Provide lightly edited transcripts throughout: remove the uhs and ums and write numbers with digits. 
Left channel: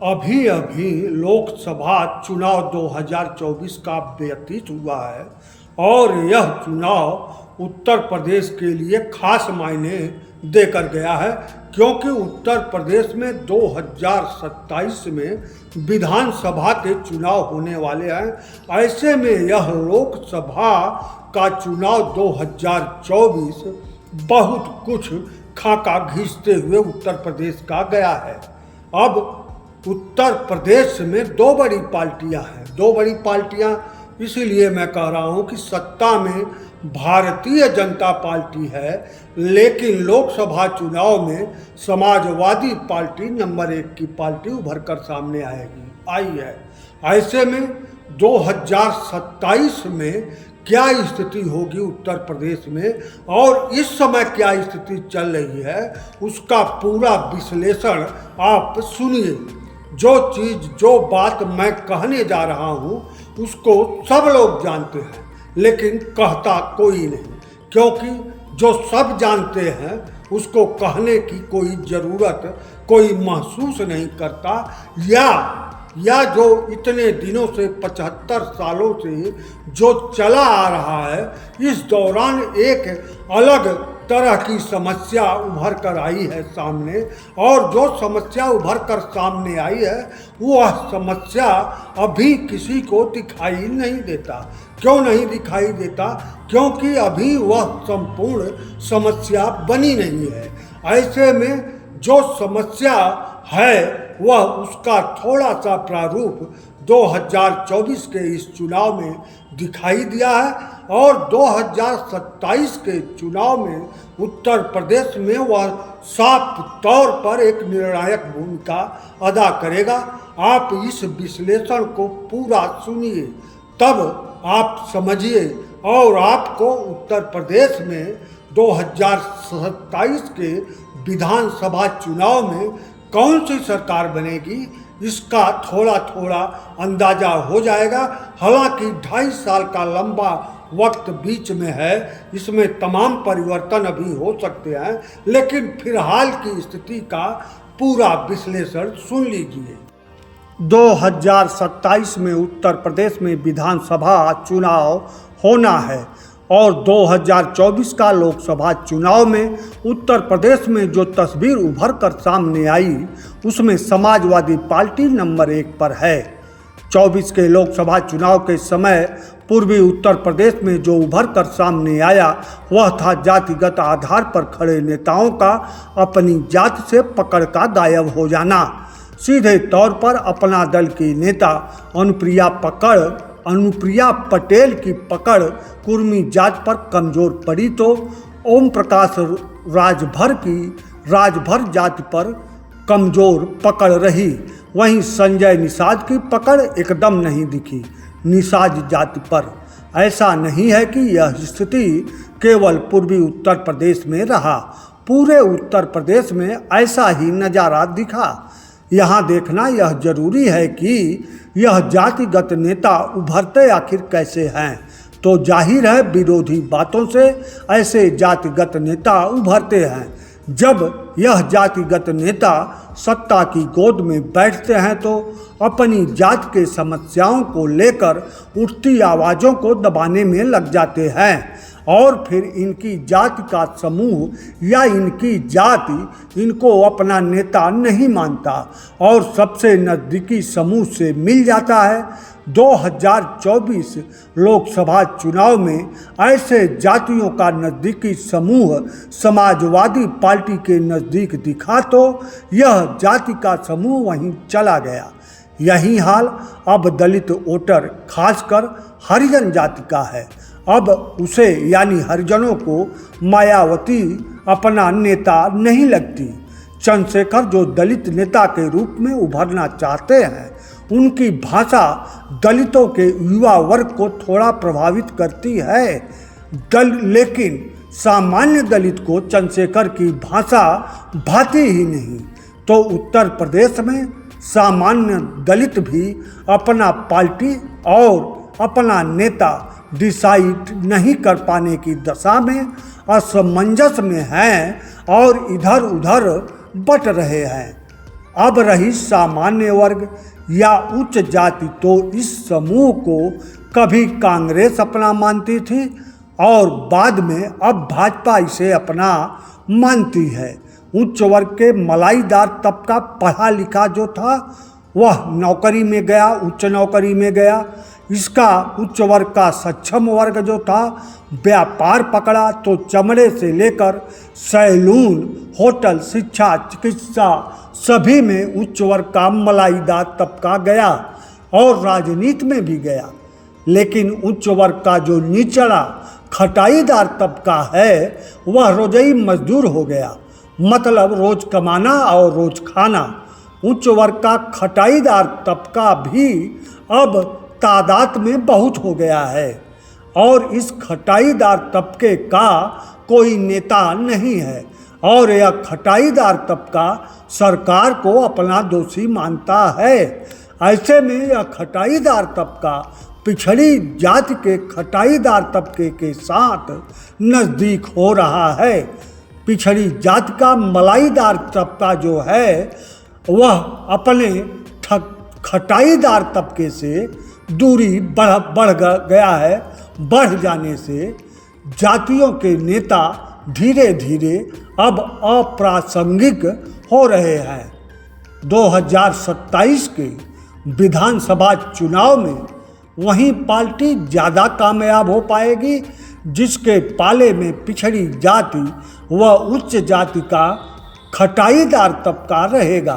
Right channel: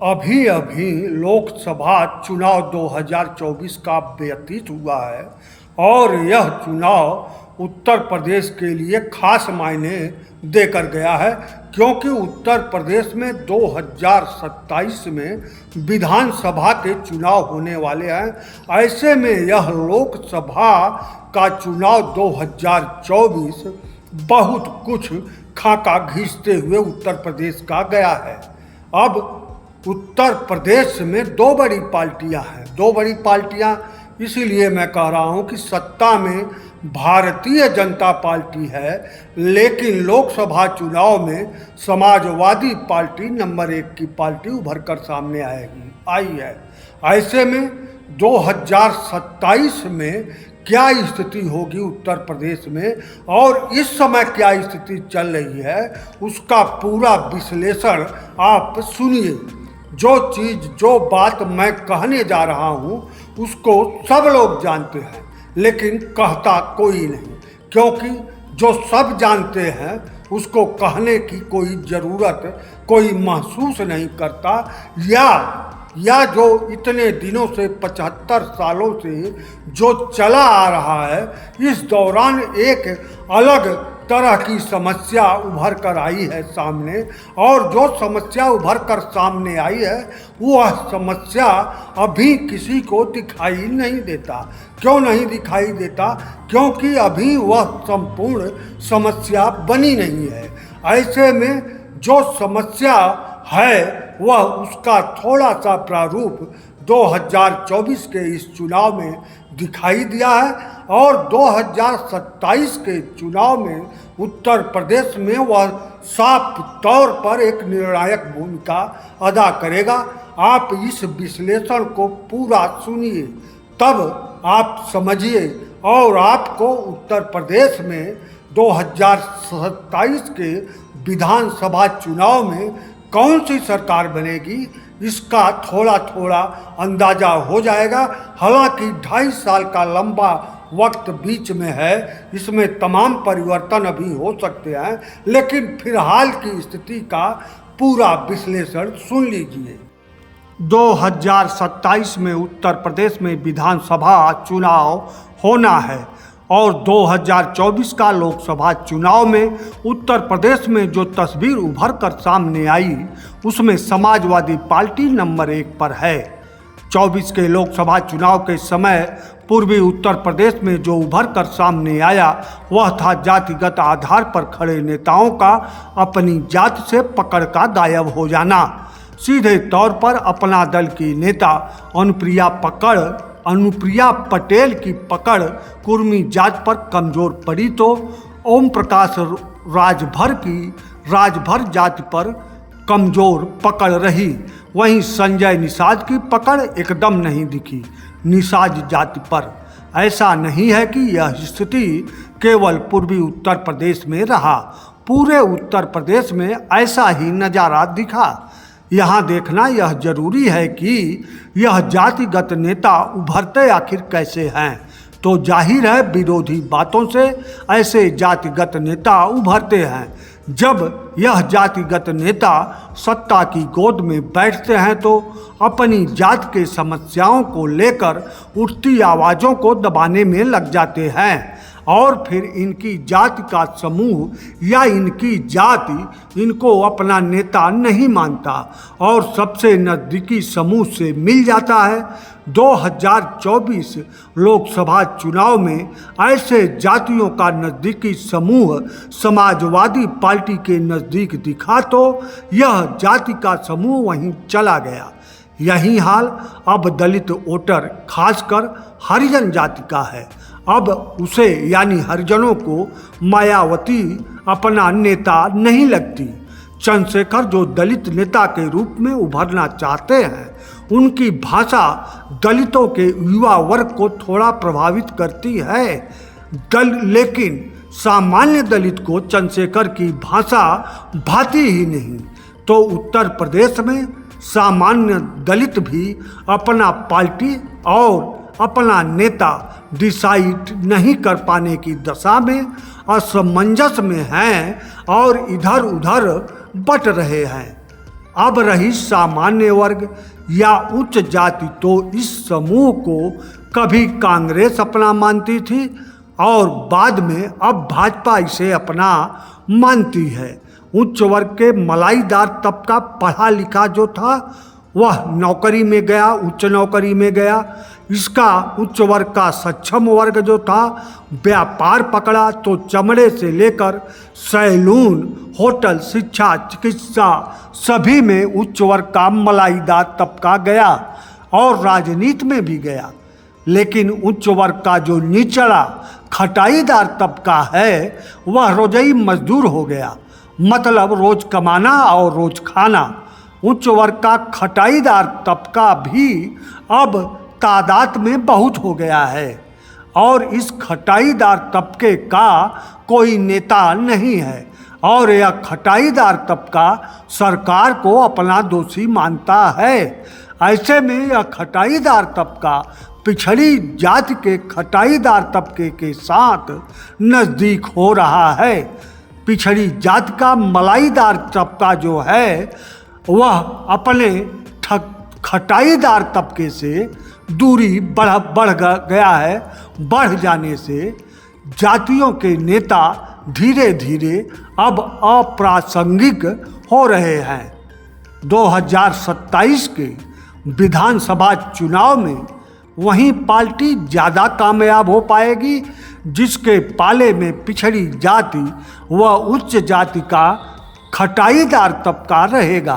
अभी अभी लोकसभा चुनाव 2024 का व्यतीत हुआ है और यह चुनाव उत्तर प्रदेश के लिए खास मायने देकर गया है, क्योंकि उत्तर प्रदेश में 2027 में विधानसभा के चुनाव होने वाले हैं। ऐसे में यह लोकसभा का चुनाव 2024 बहुत कुछ खाका घींचते हुए उत्तर प्रदेश का गया है। अब उत्तर प्रदेश में दो बड़ी पार्टियां इसीलिए मैं कह रहा हूं कि सत्ता में भारतीय जनता पार्टी है, लेकिन लोकसभा चुनाव में समाजवादी पार्टी नंबर 1 की पार्टी उभर कर सामने आई है। ऐसे में 2027 में क्या स्थिति होगी उत्तर प्रदेश में और इस समय क्या स्थिति चल रही है, उसका पूरा विश्लेषण आप सुनिए। जो बात मैं कहने जा रहा हूँ उसको सब लोग जानते हैं, लेकिन कहता कोई नहीं, क्योंकि जो सब जानते हैं उसको कहने की कोई ज़रूरत कोई महसूस नहीं करता, या जो इतने दिनों से 75 सालों से जो चला आ रहा है, इस दौरान एक अलग तरह की समस्या उभर कर आई है सामने, और जो समस्या उभर कर सामने आई है वह समस्या अभी किसी को दिखाई नहीं देता। क्यों नहीं दिखाई देता? क्योंकि अभी वह संपूर्ण समस्या बनी नहीं है। ऐसे में जो समस्या है वह उसका थोड़ा सा प्रारूप 2024 के इस चुनाव में दिखाई दिया है, और 2027 के चुनाव में उत्तर प्रदेश में वह साफ तौर पर एक निर्णायक भूमिका अदा करेगा। आप इस विश्लेषण को पूरा सुनिए, तब आप समझिए और आपको उत्तर प्रदेश में 2027 के विधानसभा चुनाव में कौन सी सरकार बनेगी इसका थोड़ा थोड़ा अंदाजा हो जाएगा। हालांकि 2.5 साल का लंबा वक्त बीच में है, इसमें तमाम परिवर्तन अभी हो सकते हैं, लेकिन फिलहाल की स्थिति का पूरा विश्लेषण सुन लीजिए। 2027 में उत्तर प्रदेश में विधानसभा चुनाव होना है और 2024 का लोकसभा चुनाव में उत्तर प्रदेश में जो तस्वीर उभर कर सामने आई उसमें समाजवादी पार्टी नंबर 1 पर है। 24 के लोकसभा चुनाव के समय पूर्वी उत्तर प्रदेश में जो उभर कर सामने आया वह था जातिगत आधार पर खड़े नेताओं का अपनी जात से पकड़ का गायब हो जाना। सीधे तौर पर अपना दल की नेता अनुप्रिया पटेल की पकड़ कुर्मी जात पर कमजोर पड़ी तो ओम प्रकाश राजभर जाति पर कमजोर पकड़ रही। वहीं संजय निषाद की पकड़ एकदम नहीं दिखी निषाद जाति पर। ऐसा नहीं है कि यह स्थिति केवल पूर्वी उत्तर प्रदेश में रहा, पूरे उत्तर प्रदेश में ऐसा ही नज़ारा दिखा। यहाँ देखना यह जरूरी है कि यह जातिगत नेता उभरते आखिर कैसे हैं, तो जाहिर है विरोधी बातों से ऐसे जातिगत नेता उभरते हैं। जब यह जातिगत नेता सत्ता की गोद में बैठते हैं तो अपनी जात के समस्याओं को लेकर उठती आवाज़ों को दबाने में लग जाते हैं, और फिर इनकी जाति का समूह या इनकी जाति इनको अपना नेता नहीं मानता और सबसे नज़दीकी समूह से मिल जाता है। 2024 लोकसभा चुनाव में ऐसे जातियों का नज़दीकी समूह समाजवादी पार्टी के नज़दीक दिखा तो यह जाति का समूह वहीं चला गया। यही हाल अब दलित वोटर खासकर हरिजन जाति का है। अब उसे यानी हरिजनों को मायावती अपना नेता नहीं लगती। चंद्रशेखर जो दलित नेता के रूप में उभरना चाहते हैं, उनकी भाषा दलितों के युवा वर्ग को थोड़ा प्रभावित करती है, लेकिन सामान्य दलित को चंद्रशेखर की भाषा भाती ही नहीं। तो उत्तर प्रदेश में सामान्य दलित भी अपना पार्टी और अपना नेता डिसाइड नहीं कर पाने की दशा में असमंजस में हैं और इधर उधर बट रहे हैं। अब रही सामान्य वर्ग या उच्च जाति, तो इस समूह को कभी कांग्रेस अपना मानती थी और बाद में अब भाजपा इसे अपना मानती है। उच्च वर्ग के मलाईदार तबका पढ़ा लिखा जो था वह नौकरी में गया, उच्च नौकरी में गया। इसका उच्च वर्ग का सक्षम वर्ग जो था व्यापार पकड़ा, तो चमड़े से लेकर सैलून, होटल, शिक्षा, चिकित्सा सभी में उच्च वर्ग का मलाईदार तबका गया और राजनीति में भी गया। लेकिन उच्च वर्ग का जो निचला खटाईदार तबका है वह रोजई मजदूर हो गया, मतलब रोज कमाना और रोज खाना। उच्च वर्ग का खटाईदार तबका भी अब तादाद में बहुत हो गया है और इस खटाईदार तबके का कोई नेता नहीं है और यह खटाईदार तबका सरकार को अपना दोषी मानता है। ऐसे में यह खटाईदार तबका पिछड़ी जाति के खटाईदार तबके के साथ नज़दीक हो रहा है। पिछड़ी जाति का मलाईदार तबका जो है वह अपने खटाईदार तबके से दूरी बढ़ गया है। बढ़ जाने से जातियों के नेता धीरे धीरे अब अप्रासंगिक हो रहे हैं। 2027 के विधानसभा चुनाव में वही पार्टी ज़्यादा कामयाब हो पाएगी जिसके पाले में पिछड़ी जाति व उच्च जाति का खटाईदार तबका रहेगा,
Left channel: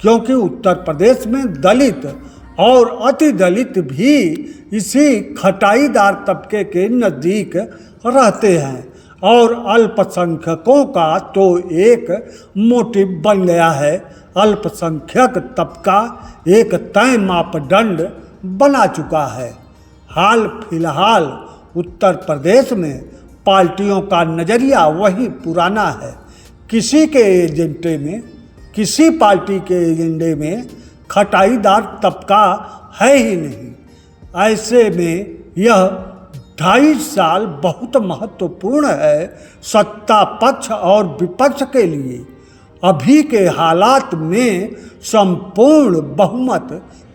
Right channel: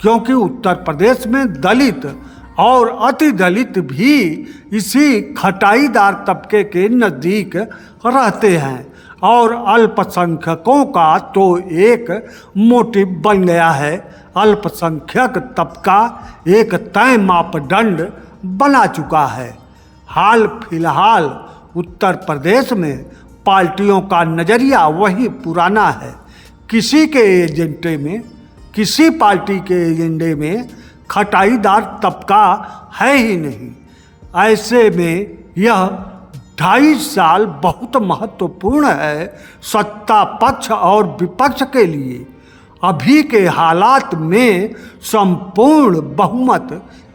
क्योंकि उत्तर प्रदेश में दलित और अति दलित भी इसी खटाईदार तबके के नज़दीक रहते हैं और अल्पसंख्यकों का तो एक मोटिव बन गया है। अल्पसंख्यक तबका एक तय मापदंड बना चुका है। हाल फिलहाल उत्तर प्रदेश में पार्टियों का नज़रिया वही पुराना है। किसी पार्टी के एजेंडे में खटाईदार तबका है ही नहीं। ऐसे में यह 2.5 साल बहुत महत्वपूर्ण है सत्ता पक्ष और विपक्ष के लिए। अभी के हालात में संपूर्ण बहुमत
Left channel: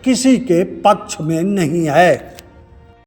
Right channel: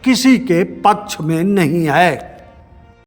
किसी के पक्ष में नहीं है।